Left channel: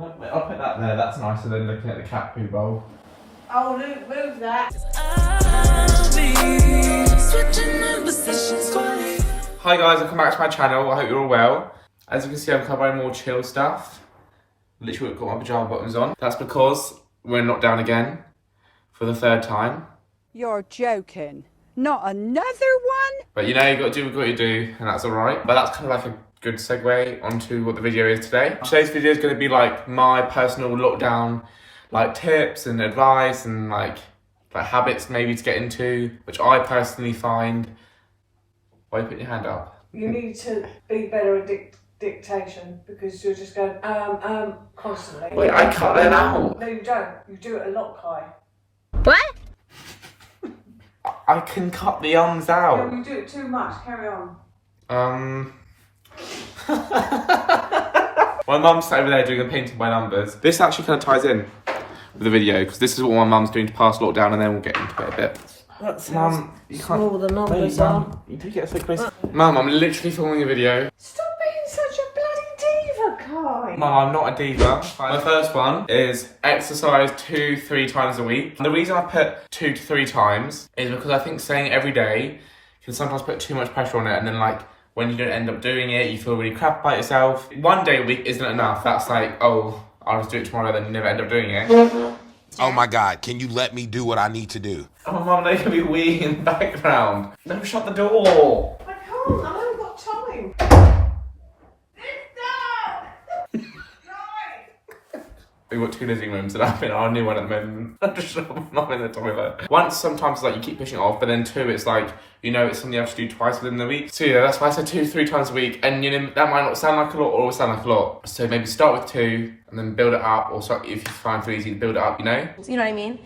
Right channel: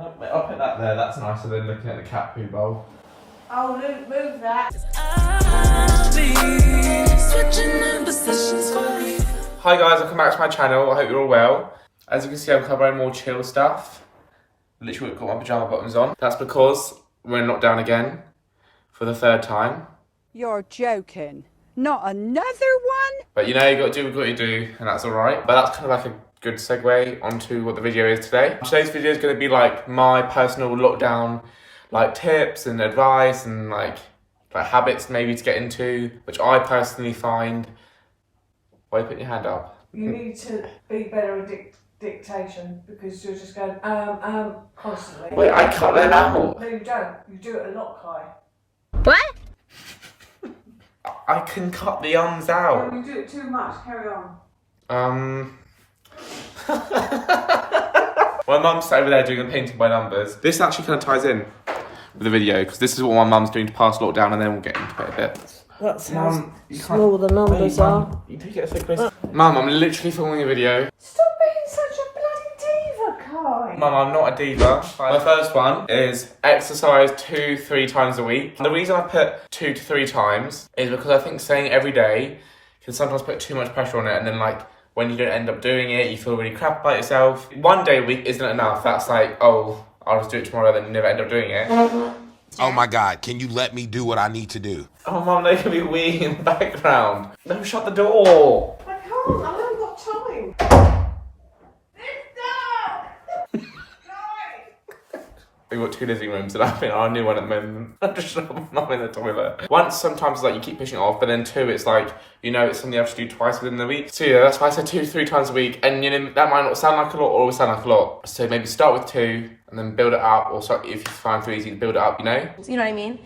No, wait, I'll put that there, that's nicer than looking at the cat poo bowl. Oh, Luke, move that. Hi guys, welcome back to my channel. I hope you're all well. As you can see, I'm covering more chill stuff. Literally got my pyjama bottoms on. That's because we're in lockdown again for the third time. You're joking. Not another one? But you know, you got to do what you do, and that's all right. But that's kind of like a good segue onto what the video is today. Today's video is going to be like my personal lockdown, like tips and advice and like habits maybe to get into, which I personally find. Why are you putting your hand up? You need to be better at dictation because you're just going constantly. Wait, I cut that out. No, you don't. You do it a lot, Kai. What? I can cut the ums No, out. you do it too much. Carry on. My mum's sat over there doing a painting by numbers. This actually kind of ties in with the video because this is what my mum's doing to pass lockdown, and then we'll get into it a bit. That's Mum, you can't. small the numbers are. You do get a thick place. Mum, I'm literally filming a video. Stop being such a bloody diva, Kai. Mum, I'm not a diva. My first one is exercise 2-3 times a week. And the reason I put 2 to 3 times is because I think saying it every day can sometimes put too much pressure on it, and then like when you don't end up doing it, you feel really crap about yourself. 1 day a week isn't enough. That's like, oh, I'll just do it tomorrow, then you never end up doing it. Oh my God, can you let me do what I need to do? Oh, Mum, they can be weeing in the background. No, shut the door. I can't. I haven't got time. We've got 2 living rooms and I'm in our new one at the moment. I'm just not in the toilet. Once, sometimes like you keep pushing it off, but then 2, it's like, you know, it's something you have to do twice within the week. So yeah, that's why I said 2-3 times a week. And you know, that might not sound like a lot or always sound like a lot. So maybe start with 2 and then build it up, or start, if you find it easy to build it up, you know? You know what I mean?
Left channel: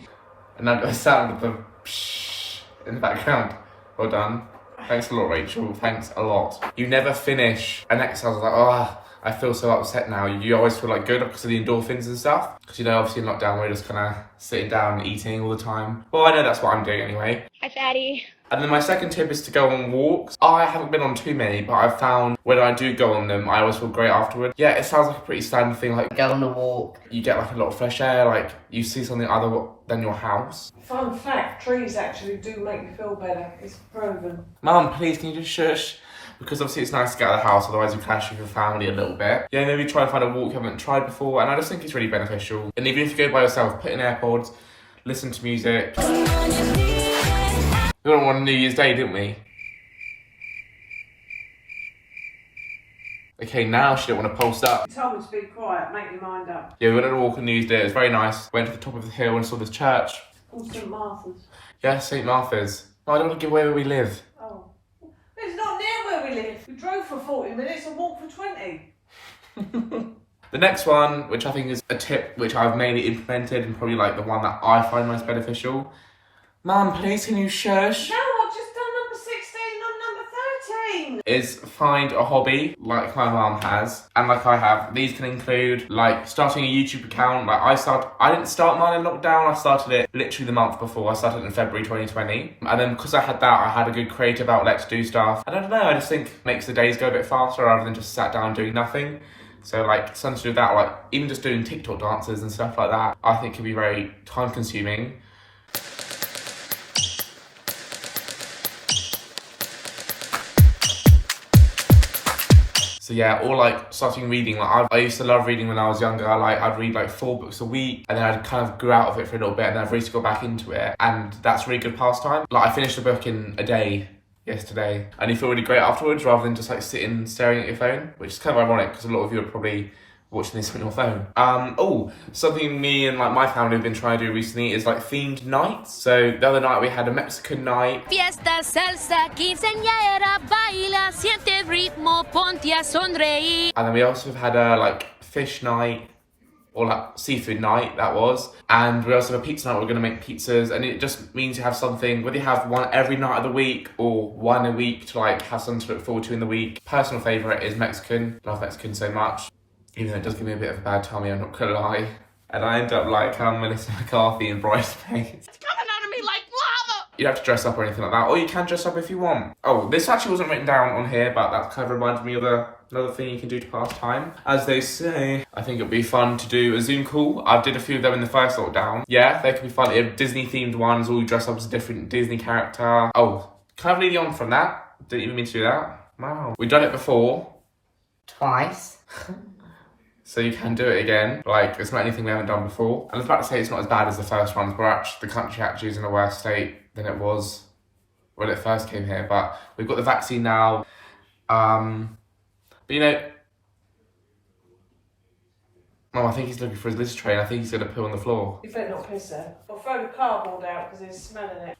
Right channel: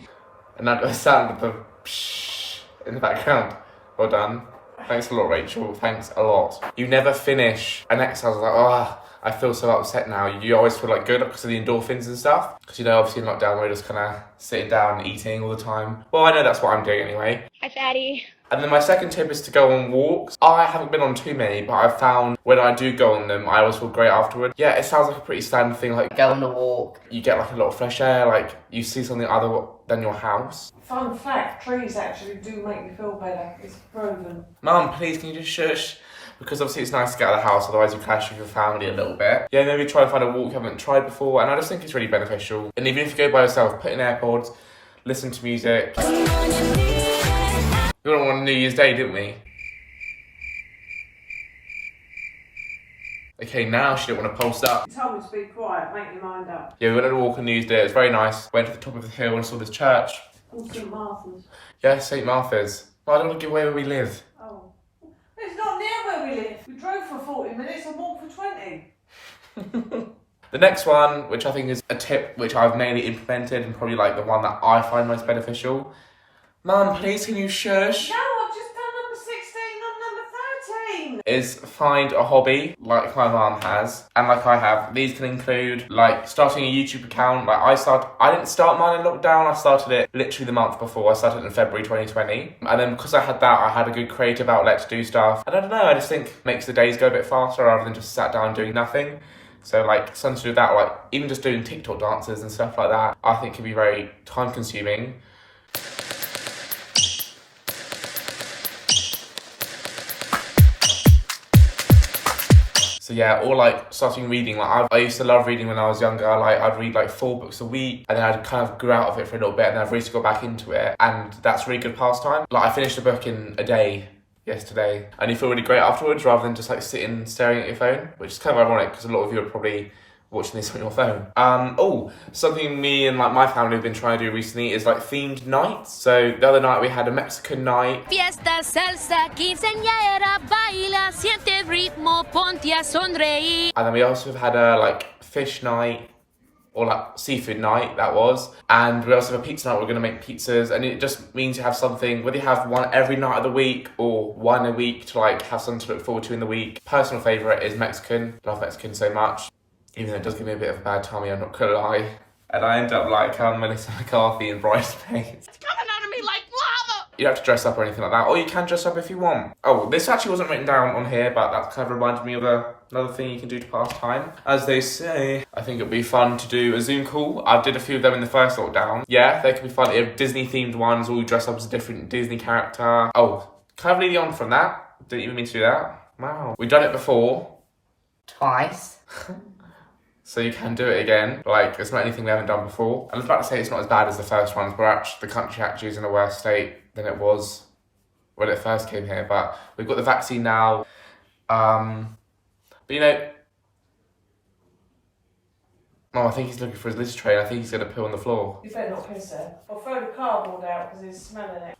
And that does sound of the psh in the background. Well done. Thanks a lot, Rachel. Thanks a lot. You never finish an exercise like, oh, I feel so upset now. You always feel like good because of the endorphins and stuff. Because you know, obviously in lockdown we're just kind of sitting down and eating all the time. Well, I know that's what I'm doing anyway. Hi, fatty. And then my second tip is to go on walks. I haven't been on too many, but I've found when I do go on them, I always feel great afterward. Yeah, it sounds like a pretty standard thing. Like Go on a walk. you get like a lot of fresh air. Like you see something other than your house. Fun fact, trees actually do make you feel better. It's proven. Mum, please, can you just shush? Because obviously it's nice to get out of the house, otherwise you clash with your family a little bit. Yeah, maybe try and find a walk you haven't tried before, and I just think it's really beneficial. And even if you go by yourself, put in AirPods, listen to music. We went on New Year's Day, didn't we? Okay, now she don't want to post up. You told me to be quiet, make your mind up. Yeah, we went on a walk on New Year's Day, it was very nice. Went to the top of the hill and saw this church. Called St Martha's. Yeah, St Martha's. Oh, I don't want to give away where we live. Oh. It's not near where we live. We drove for 40 minutes and walked for 20. The next one, which I think is a tip which I've mainly implemented and probably like the one that I find most beneficial. Mum, please can you shush? No, I've just done number 16, not number 13. Is find a hobby like my mum has and like I have. These can include like starting a YouTube account. Like I didn't start mine in lockdown. I started it literally the month before. I started in February 2020. And then because I had that, I had a good creative outlet to do stuff. And I don't know, I just think it makes the days go a bit faster rather than just sat down doing nothing. So like something to do with that, like even just doing TikTok dances and stuff like that, I think can be very time consuming. So yeah, or like starting reading. Like I used to love reading when I was younger. I'd read like 4 books a week, and then I'd kind of grew out of it for a little bit, and then I've recently got back into it, and that's a really good pastime. Like I finished a book in a day yesterday, and you feel really great afterwards, rather than just like sitting staring at your phone, which is kind of ironic because a lot of you are probably watching this on your phone. Oh, something me and like my family have been trying to do recently is like themed nights. So the other night we had a Mexican night. Fiesta, salsa, quinceañera, baila, siente ritmo, ponte a sonreír. And then we also have had a like fish night, or like seafood night, that was. And we also have a pizza night. We're gonna make pizzas, and it just means you have something, whether you have one every night of the week or one a week to like have something to look forward to in the week. Personal favourite is Mexican. Love Mexican so much. Even though it does give me a bit of a bad tummy, I'm not gonna lie. And I end up like Melissa McCarthy in Bridesmaids. It's coming out of me like lava. You don't have to dress up or anything like that, or you can dress up if you want. Oh, this actually wasn't written down on here, but that kind of reminded me of another thing you can do to pass time. As they say, I think it'd be fun to do a Zoom call. I did a few of them in the first lockdown. Yeah, they could be fun. If Disney-themed ones, all you dress up as a different Disney character. Oh, can I lead you on from that? Didn't even mean to do that. Wow. We've done it before. Twice. So you can do it again. Like, it's not anything we haven't done before. And I was about to say it's not as bad as the first ones, but the country actually is in a worse state than it was when it first came here. But we've got the vaccine now. But you know, Mum, I think he's looking for his litter tray. I think he's going to poo on the floor. You better not piss there. Or throw the cardboard out because he's smelling it.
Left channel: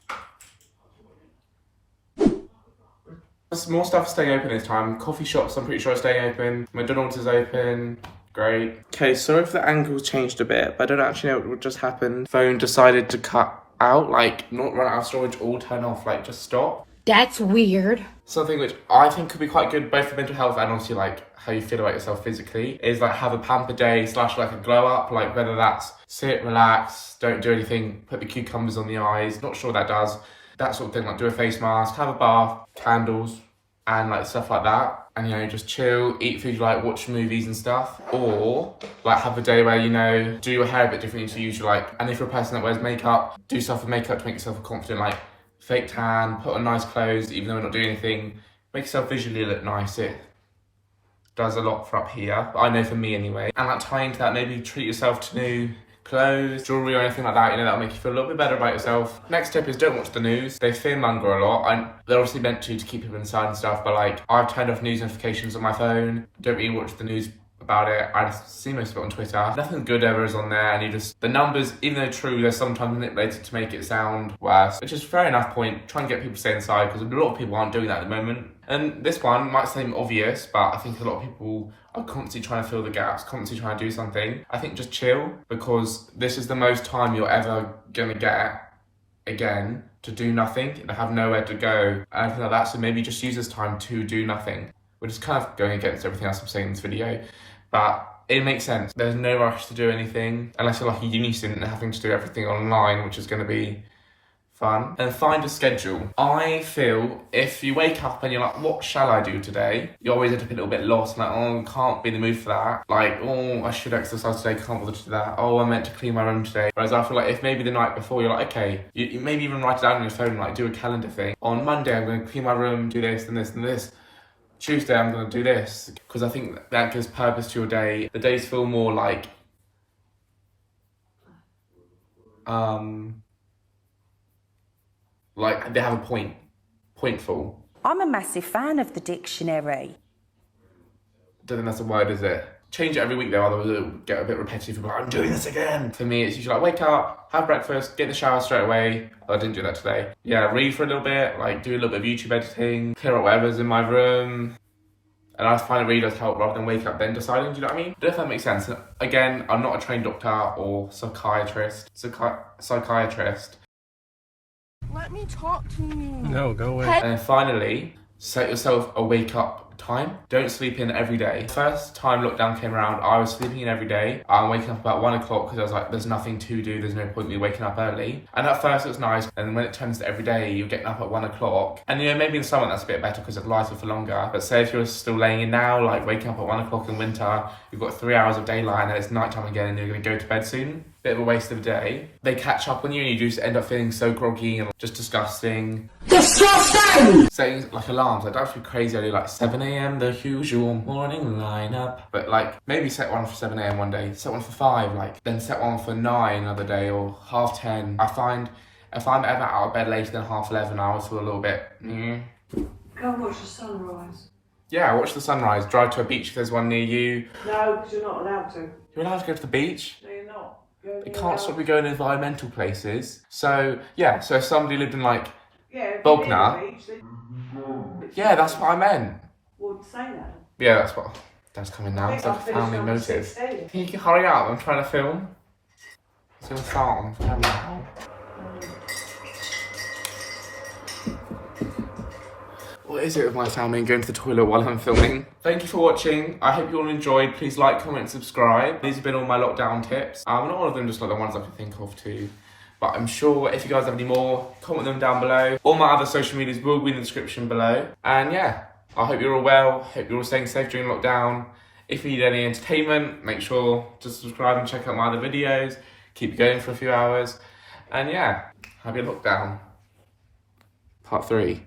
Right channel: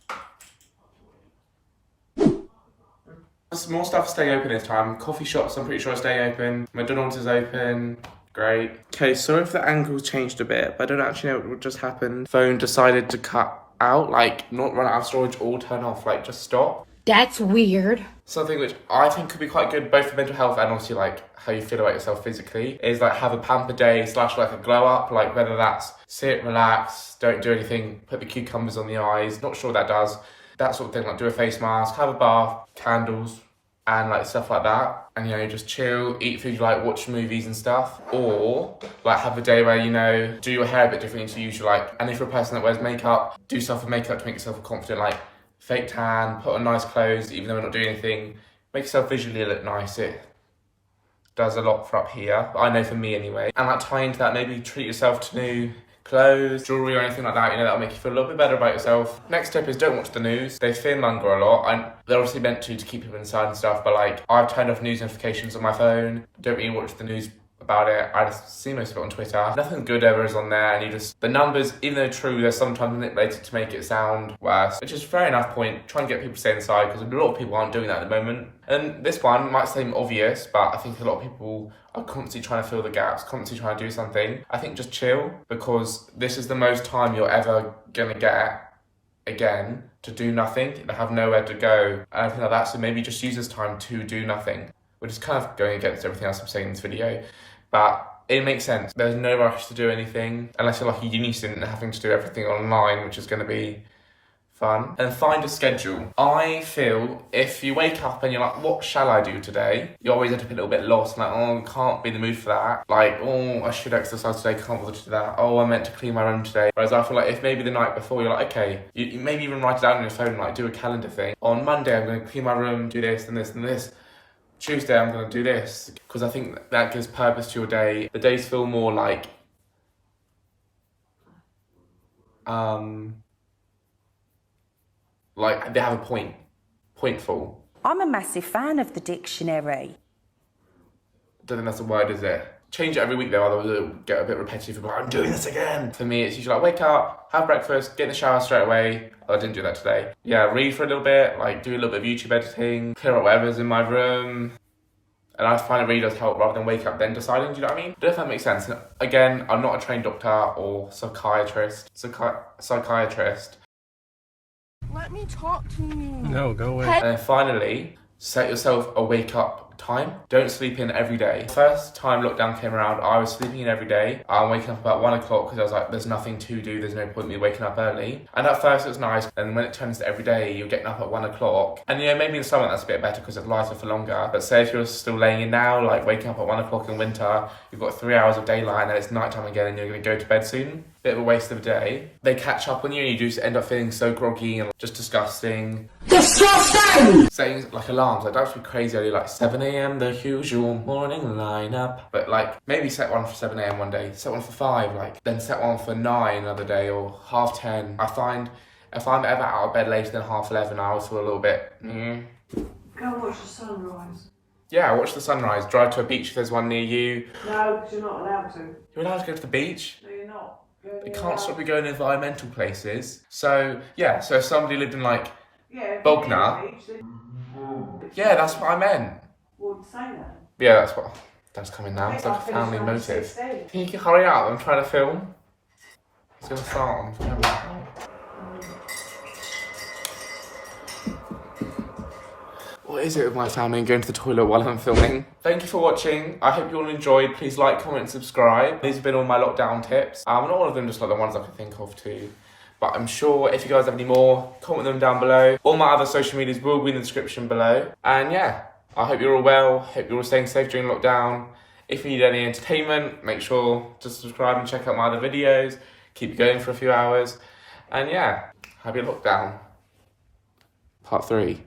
There's more stuff staying open this time. Coffee shops, I'm pretty sure, are staying open. McDonald's is open. Great. Okay, sorry if the angle's changed a bit, but I don't actually know what just happened. Phone decided to cut out, like, not run out of storage or turn off, like, just stop. That's weird. Something which I think could be quite good, both for mental health and obviously, like, how you feel about yourself physically, is, like, have a pamper day / like a glow up, like, whether that's sit, relax, don't do anything, put the cucumbers on the eyes, not sure what that does, that sort of thing, like, do a face mask, have a bath, candles, and, like, stuff like that. And, you know, just chill, eat food you like, watch movies and stuff. Or, like, have a day where, you know, do your hair a bit differently to usual, like, and if you're a person that wears makeup, do stuff with makeup to make yourself confident, like, fake tan, put on nice clothes, even though we're not doing anything. Make yourself visually look nice. It does a lot for up here, I know for me anyway. And, like, tying to that, maybe treat yourself to new clothes, jewellery or anything like that, you know, that'll make you feel a little bit better about yourself. Next tip is don't watch the news. They fearmonger a lot, and they're obviously meant to keep people inside and stuff, but like, I've turned off news notifications on my phone, don't really watch the news about it. I just see most of it on Twitter. Nothing good ever is on there, and you just, the numbers, even though true, they're sometimes manipulated to make it sound worse, which is a fair enough point. Try and get people to stay inside, because a lot of people aren't doing that at the moment. And this one might seem obvious, but I think a lot of people are constantly trying to fill the gaps, constantly trying to do something. I think just chill, because this is the most time you're ever gonna get again to do nothing, and have nowhere to go, and everything like that. So maybe just use this time to do nothing, which is kind of going against everything else I'm saying in this video, but it makes sense. There's no rush to do anything, unless you're like a uni student and having to do everything online, which is gonna be fun. And find a schedule. I feel if you wake up and you're like, what shall I do today? You always end up a little bit lost, like, oh, can't be in the mood for that. Like, oh, I should exercise today, can't bother to do that. Oh, I meant to clean my room today. Whereas I feel like if maybe the night before you're like, okay, you maybe even write it down on your phone, like do a calendar thing. On Monday, I'm going to clean my room, do this and this and this. Tuesday, I'm going to do this. Because I think that gives purpose to your day. The days feel more like, like they have a pointful. I'm a massive fan of the dictionary. Don't think that's a word, is it? Change it every week though, otherwise it'll get a bit repetitive. Like, I'm doing this again. For me, it's usually like wake up, have breakfast, get in the shower straight away. Oh, I didn't do that today. Yeah, read for a little bit, like do a little bit of YouTube editing, clear up whatever's in my room. And I find it really does help rather than wake up then deciding, do you know what I mean? I don't know if that makes sense. Again, I'm not a trained doctor or psychiatrist. Psychiatrist. Let me talk to you. No, go away. And then finally, set yourself a wake up time. Don't sleep in every day. First time lockdown came around, I was sleeping in every day. I'm waking up about 1 o'clock because I was like, there's nothing to do, there's no point in me waking up early. And at first it was nice, and when it turns to every day, you're getting up at 1 o'clock. And you know, maybe in summer that's a bit better because it's lighter for longer. But say if you're still laying in now, like waking up at 1 o'clock in winter, you've got 3 hours of daylight and then it's nighttime again and you're gonna go to bed soon. Bit of a waste of a day. They catch up on you and you just end up feeling so groggy and just disgusting. Disgusting! Setting like alarms, like don't have to be crazy early, like 7 a.m, the usual morning lineup. But like maybe set one for 7 a.m. one day, set one for 5, like then set one for 9 another day or 10:30. I find if I'm ever out of bed later than 11:30, I always feel a little bit, Go and watch the sunrise. Yeah, watch the sunrise, drive to a beach if there's one near you. No, because you're not allowed to. You're allowed to go to the beach? No, you're not. It can't stop you going to environmental places. So, yeah, so if somebody lived in, like, Yeah, Bognor. Yeah, that's what I meant. Would say that. Yeah, that's what... That's coming now. It's like a family motive. Can you hurry up? I'm trying to film. It's going to start on camera now. What is it with my family and going to the toilet while I'm filming? Thank you for watching. I hope you all enjoyed. Please like, comment, and subscribe. These have been all my lockdown tips. Not all of them, just like the ones I can think of to But I'm sure if you guys have any more, comment them down below. All my other social medias will be in the description below. And yeah, I hope you're all well. Hope you're all staying safe during lockdown. If you need any entertainment, make sure to subscribe and check out my other videos. Keep it going for a few hours. And yeah, happy lockdown. Part 3.